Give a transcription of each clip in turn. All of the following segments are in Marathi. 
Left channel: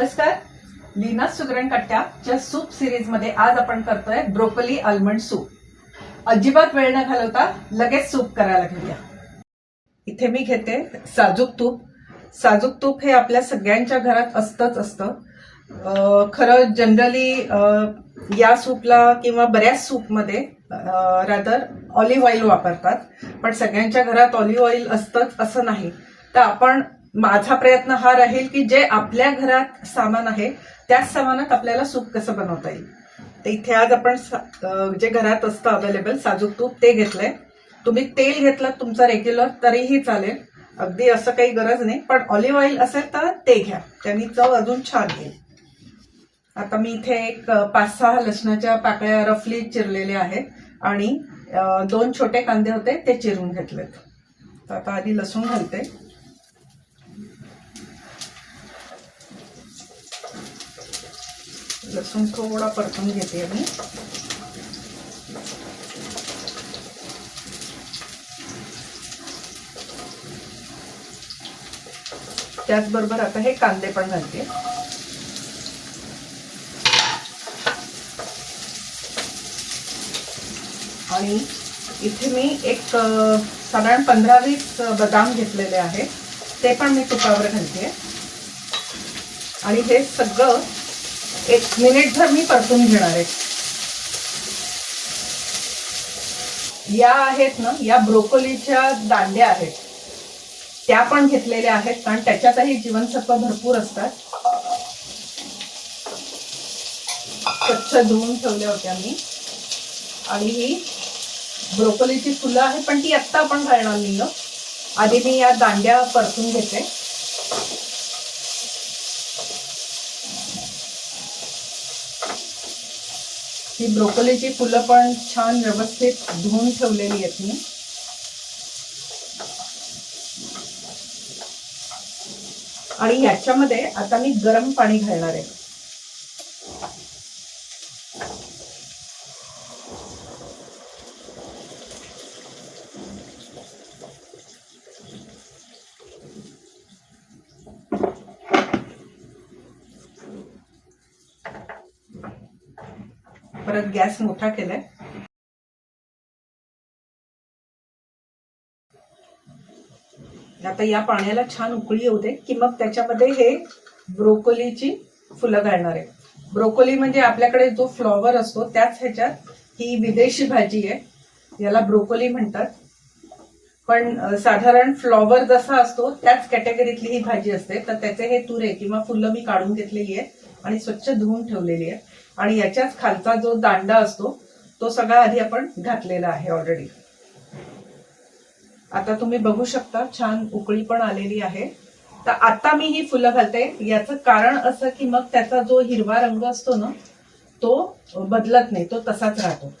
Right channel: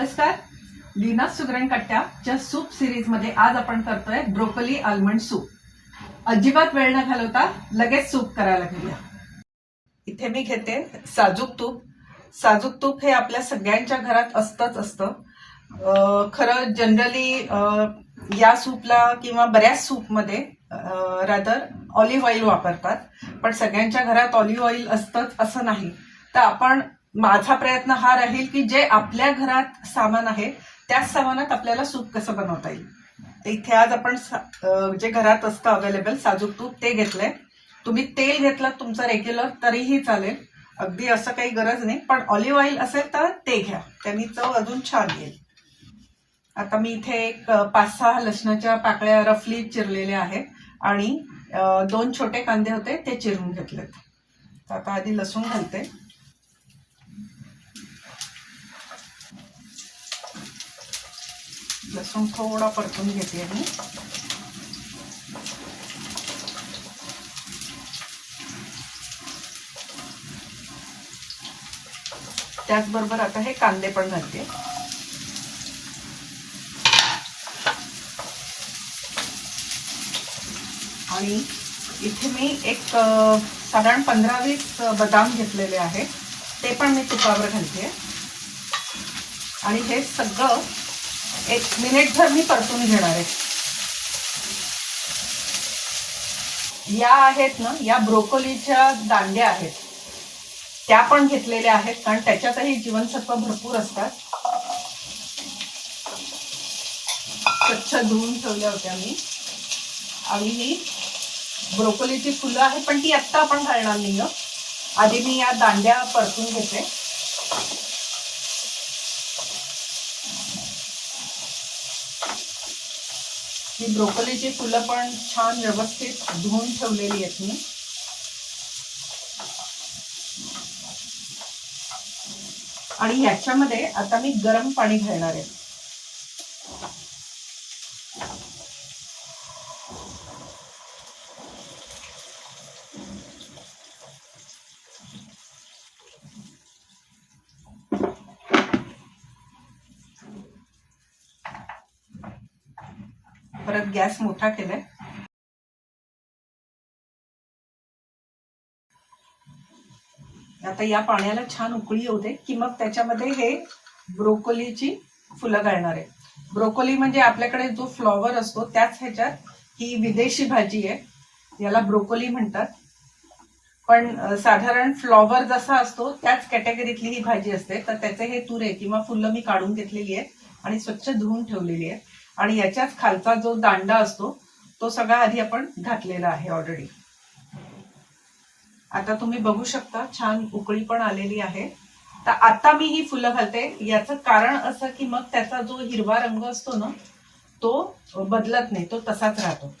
नमस्कार. लीना सुगरण कट्ट्याच्या सूप सिरीजमध्ये आज आपण करतोय ब्रोकोली आल्मंड सूप अजिबात वेळ न घालवता लगेच सूप करायला घेऊया. इथे मी घेते साजूक तूप. साजूक तूप हे आपल्या सगळ्यांच्या घरात असतंच असतं. खरं जनरली या सूपला किंवा बऱ्याच सूपमध्ये रादर ऑलिव्ह ऑइल वापरतात. पण सगळ्यांच्या घरात ऑलिव्ह ऑइल असतंच असं नाही. तर आपण माझा प्रयत्न हा राहील की जे आपल्या घरात सामान आहे त्याच सामानात आपल्याला सूप कसं बनवता येईल? तर इथे आज आपण जे घरात असतं अवेलेबल साजूक तूप ते घेतलंय. तुम्ही तेल घेतलं तुमचं रेग्युलर तरीही चालेल. अगदी असं काही गरज नाही. पण ऑलिव्ह ऑइल असेल तर ते घ्या. त्यांनी चव अजून छान येईल. आता मी इथे एक पाच सहा लसणाच्या पाकळ्या रफली चिरलेल्या आहेत. आणि दोन छोटे कांदे होते ते चिरून घेतलेत. तर आता आधी लसूण घालते. लसूण थोडा परतून घेते मी. त्याचबरोबर आता हे कांदे पण घालते. आणि इथे मी एक साधारण पंधरा वीस बदाम घेतलेले आहेत. ते पण मी तुपावर घालते. आणि हे सगळं एक मिनिटभर मी परतून घेणार आहे. या आहेत ना या ब्रोकोलीच्या दांड्या आहेत. त्या पण घेतलेल्या आहेत कारण त्याच्यातही जीवनसत्व भरपूर असतात. स्वच्छ धुवून ठेवल्या होत्या मी. आणि ही ब्रोकोलीची फुलं आहे पण ती आत्ता आपण घालणार नाही आधी मी या दांड्या परतून घेते. ही ब्रोकोलीची फुलं पण छान व्यवस्थित धुवून ठेवलेली आहेत मी. आणि याच्यामध्ये आता मी गरम पाणी घालणार आहे परत गॅस मोठा केलाय. आता या पाण्याला छान उकळी येऊ दे की मग त्याच्यामध्ये हे ब्रोकोलीची फुलं घालणार आहे. ब्रोकोली म्हणजे आपल्याकडे जो फ्लॉवर असतो त्याच ह्याच्यात ही विदेशी भाजी आहे. याला ब्रोकोली म्हणतात. पण साधारण फ्लॉवर जसा असतो त्याच कॅटेगरीतली ही भाजी असते. तर त्याचे हे तुरे किंवा फुलं मी काढून घेतलेली आहे आणि स्वच्छ धुवून ठेवलेली आहे. आणि याच्याच खालचा जो दांडा असतो तो सगळा आधी आपण घातलेला आहे ऑलरेडी आता तुम्ही बघू शकता छान उकळी पण आलेली आहे. तर आता मी ही फुलं घालते. याचं कारण असं की मग त्याचा जो हिरवा रंग असतो ना तो बदलत नाही तो तसाच राहतो.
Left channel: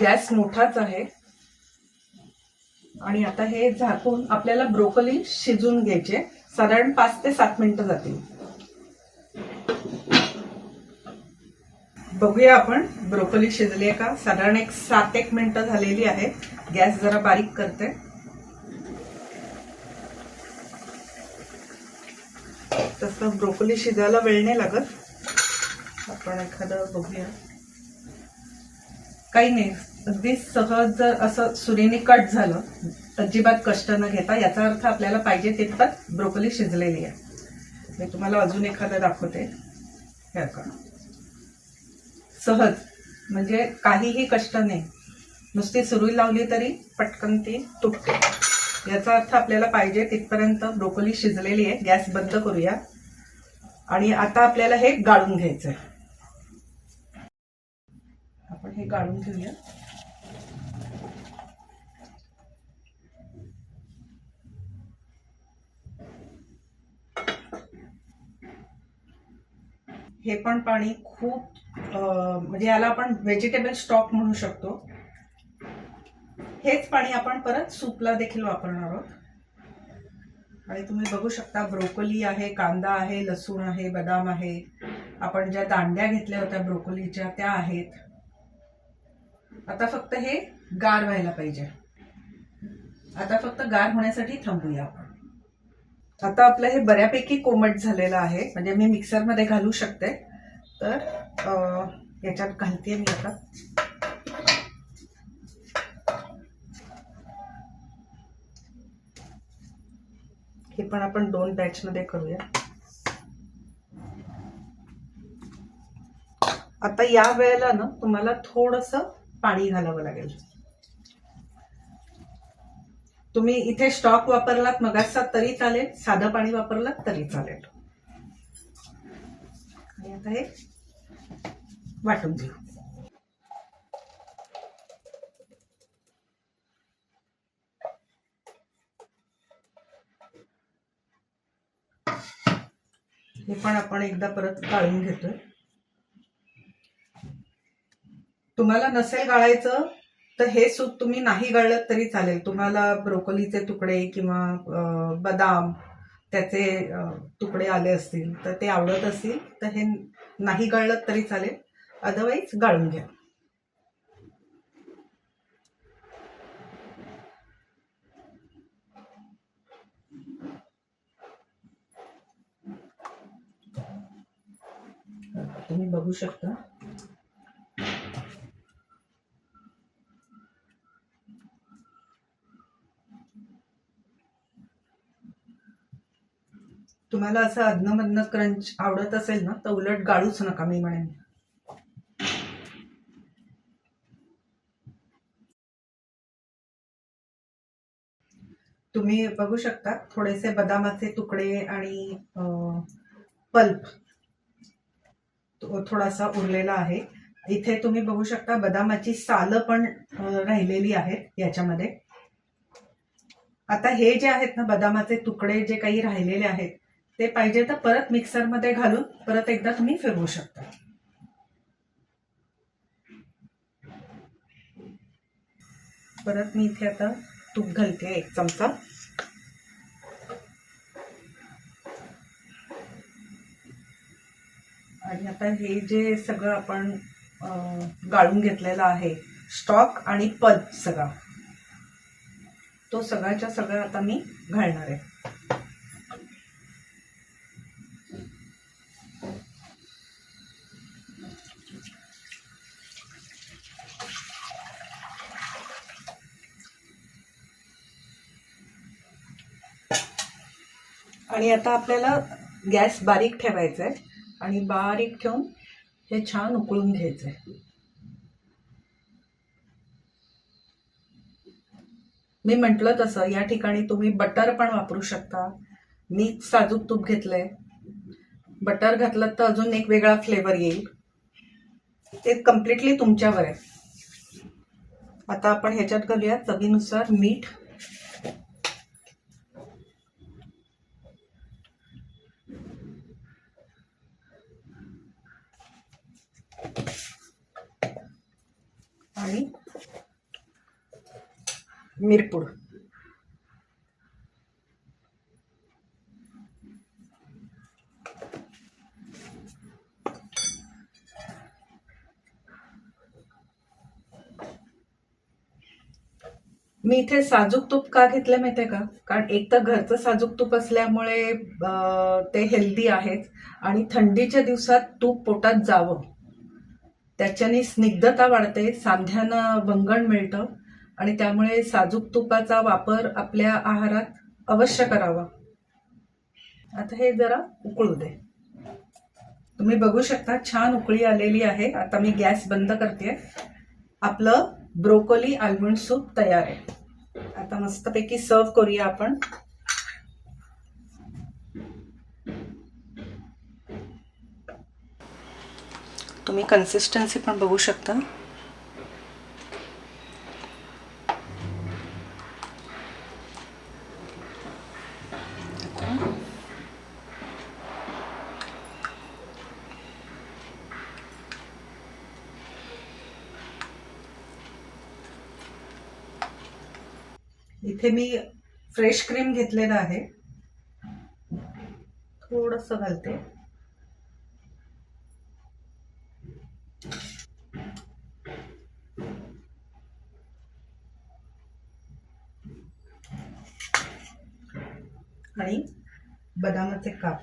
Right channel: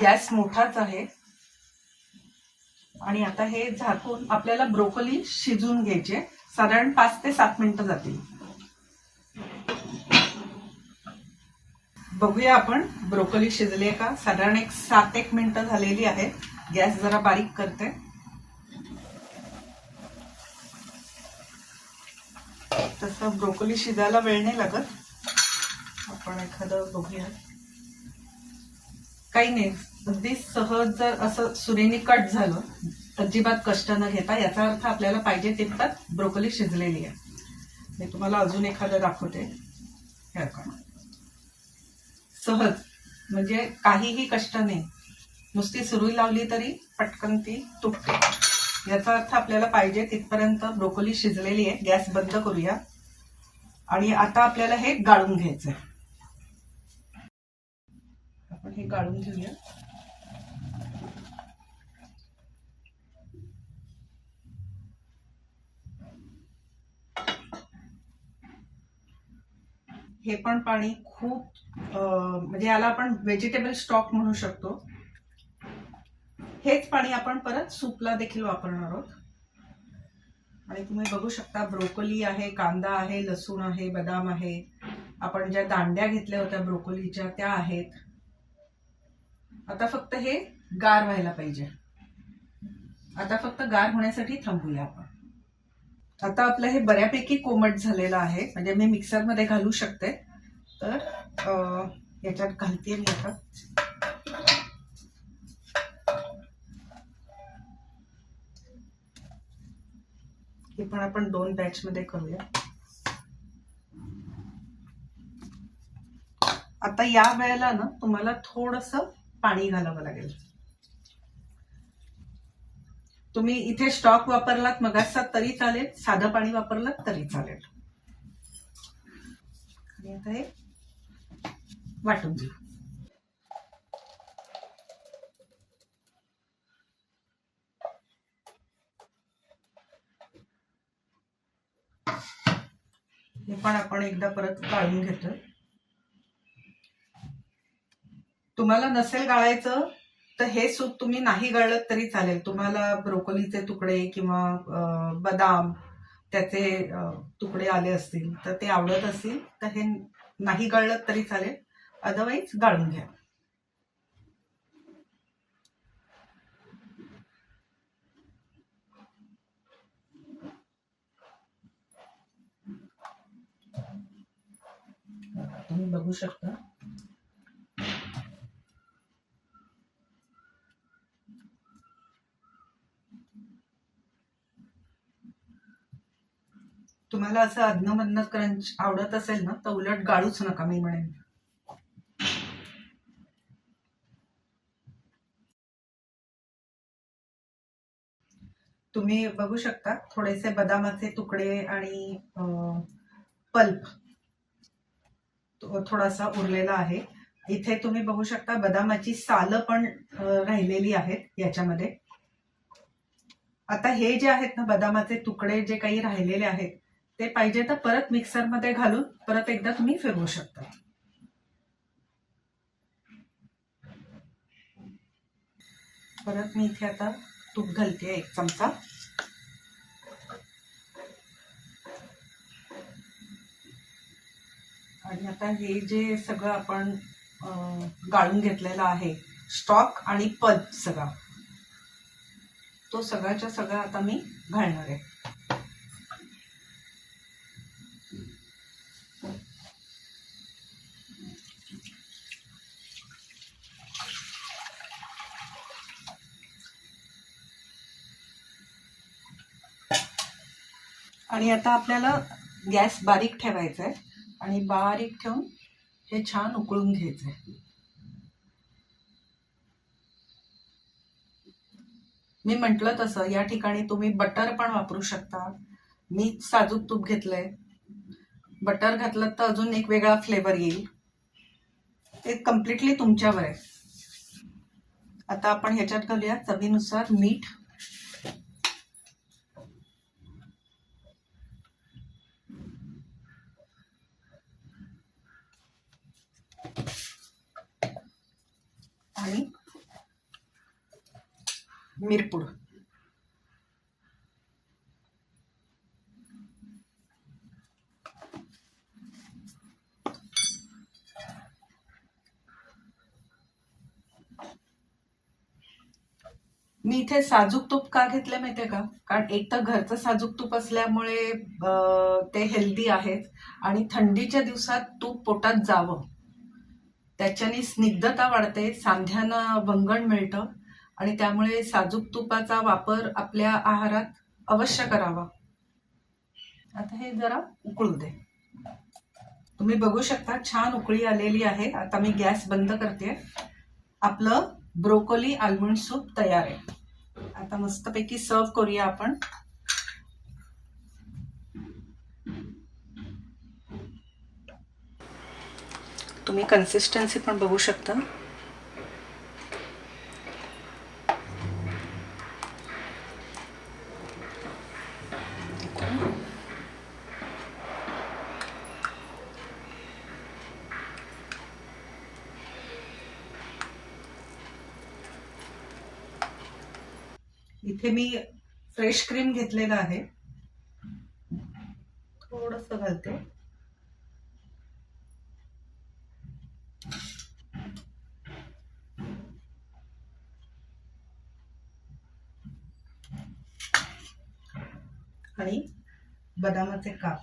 गॅस मोठाच आहे. आणि आता हे झाकून आपल्याला ब्रोकोली शिजून घ्यायचे. साधारण पाच ते सात मिनिटं जातील. बघूया आपण ब्रोकोली शिजली आहे का? साधारण एक सात एक मिनिटं झालेली आहे. गॅस जरा बारीक करते. तसं ब्रोकोली शिजायला वेळ नाही लागत. आपण एखादं बघूया. काही नाही अगदी सहज जर असं सुरीने कट झालं अजिबात कष्ट न घेता याचा अर्थ आपल्याला पाहिजे तितकं ब्रोकोली शिजलेली आहे. मी तुम्हाला अजून एखादं दाखवते. हे का सहज म्हणजे काहीही कष्ट नाही. नुसती सुरुई लावली तरी पटकन ती तुटते. याचा अर्थ आपल्याला पाहिजे तिथपर्यंत ब्रोकोली शिजलेली आहे. गॅस बंद करूया. आणि आता आपल्याला हे गाळून घ्यायचं आहे आपण हे गाळून घेऊया. हे पण पाणी खूप म्हणजे याला आपण व्हेजिटेबल स्टॉक म्हणू शकतो. हेच पाणी आपण परत सूपला देखील वापरणार आहोत. आणि तुम्ही बघू शकता ब्रोकोली आहे कांदा आहे लसूण आहे बदाम आहे. आपण ज्या दांड्या घेतल्या होत्या ब्रोकोलीच्या त्या आहेत. आता फक्त हे गार व्हायला पाहिजे. आता फक्त गार होण्यासाठी थांबूया आपण. आता आपलं हे बऱ्यापैकी कोमट झालेलं आहे. म्हणजे मी मिक्सरमध्ये घालू शकते. तर याच्यात घालते मी आता. हे पण आपण दोन बॅचमध्ये करूया. आता या वेळेला ना तुम्हाला थोडस पाणी घालावं लागेल. तुम्ही इथे स्टॉक वापरलात मगाचा तरी चालेल साधं पाणी वापरलात तरी चालेल. आणि आता हे वाटून घेऊ. हे पण आपण एकदा परत गाळून घेतोय. तुम्हाला नसेल गाळायचं तर हे सूप तुम्ही नाही गळलं तरी चालेल. तुम्हाला ब्रोकोलीचे तुकडे किंवा बदाम त्याचे तुकडे आले असतील तर ते आवडत असतील तर हे नाही गळलं तरी चालेल. अदरवाईज गाळून घ्या. तुम्ही बघू शकता. तुम्हाला असं अधनमधन क्रंच आवडत असेल ना तर उलट गाळूच नका मी म्हणेन. तुम्ही बघू शकता थोडेसे बदामाचे तुकडे आणि पल्प थोडासा उरलेला आहे. इथे तुम्ही बघू शकता बदामाची सालं पण राहिलेली आहेत याच्यामध्ये. आता हे जे आहेत ना बदामाचे तुकडे जे काही राहिलेले आहेत ते पाहिजे तर परत मिक्सरमध्ये घालून परत एकदा तुम्ही फिरवू शकता. परत मी इथे आता तूप घालते एक चमचा. आणि आता हे जे सगळं आपण गाळून घेतलेलं आहे स्टॉक आणि पल्प सगळा तो सगळ्याच्या सगळा आता मी घालणार आहे. आणि आता आपल्याला गॅस बारीक ठेवायचा आहे आणि बारीक ठेवून हे छान उकळून घ्यायचं आहे मी म्हटलं तसं या ठिकाणी तुम्ही बटर पण वापरू शकता. मी साजूक तूप घेतलंय. बटर घातलं तर अजून एक वेगळा फ्लेवर येईल. ते कम्प्लिटली तुमच्यावर आहे. आता आपण ह्याच्यात घालूया चवीनुसार मीठ. आणि मिरपूड. मी इथे साजूक तूप का घेतलं माहितीये का? कारण एक तर घरचं साजूक तूप असल्यामुळे ते हेल्दी आहेत आणि थंडीच्या दिवसात तूप पोटात जावं. त्याच्याने स्निग्धता वाढते सांध्यानं वंगण मिळतं आणि त्यामुळे साजूक तुपाचा वापर आपल्या आहारात अवश्य करावा. आता हे जरा उकळू दे. तुम्ही बघू शकता छान उकळी आलेली आहे. आता मी गॅस बंद करते आपलं ब्रोकोली आल्मंड सूप तयार आहे. आता मस्तपैकी सर्व करूया आपण. तुम्ही कन्सिस्टन्सी पण बघू शकता. इथे मी फ्रेश क्रीम घेतलेलं आहे. थोडस घालते. आणि बदामाचे काप.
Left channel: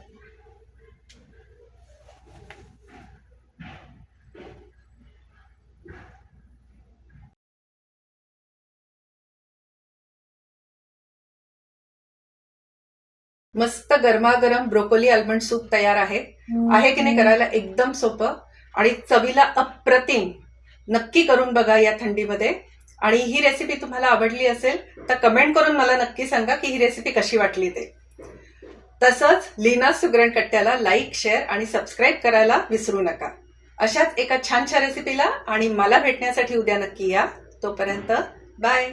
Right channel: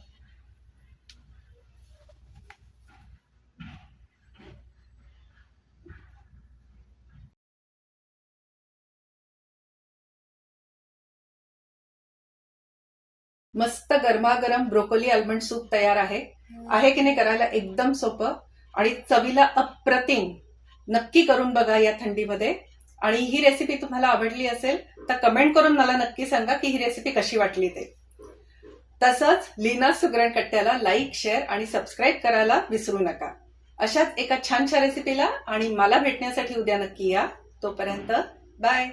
मस्त गरमागरम ब्रोकोली आल्मंड सूप तयार आहे. आहे की नाही करायला एकदम सोपं. आणि चवीला अप्रतिम. नक्की करून बघा या थंडीमध्ये. आणि ही रेसिपी तुम्हाला आवडली असेल तर कमेंट करून मला नक्की सांगा की ही रेसिपी कशी वाटली ते. तसंच लीना सुगरण कट्ट्याला लाईक शेअर आणि सबस्क्राईब करायला विसरू नका. अशाच एका छानशा रेसिपीला आणि मला भेटण्यासाठी उद्या नक्की या. तोपर्यंत बाय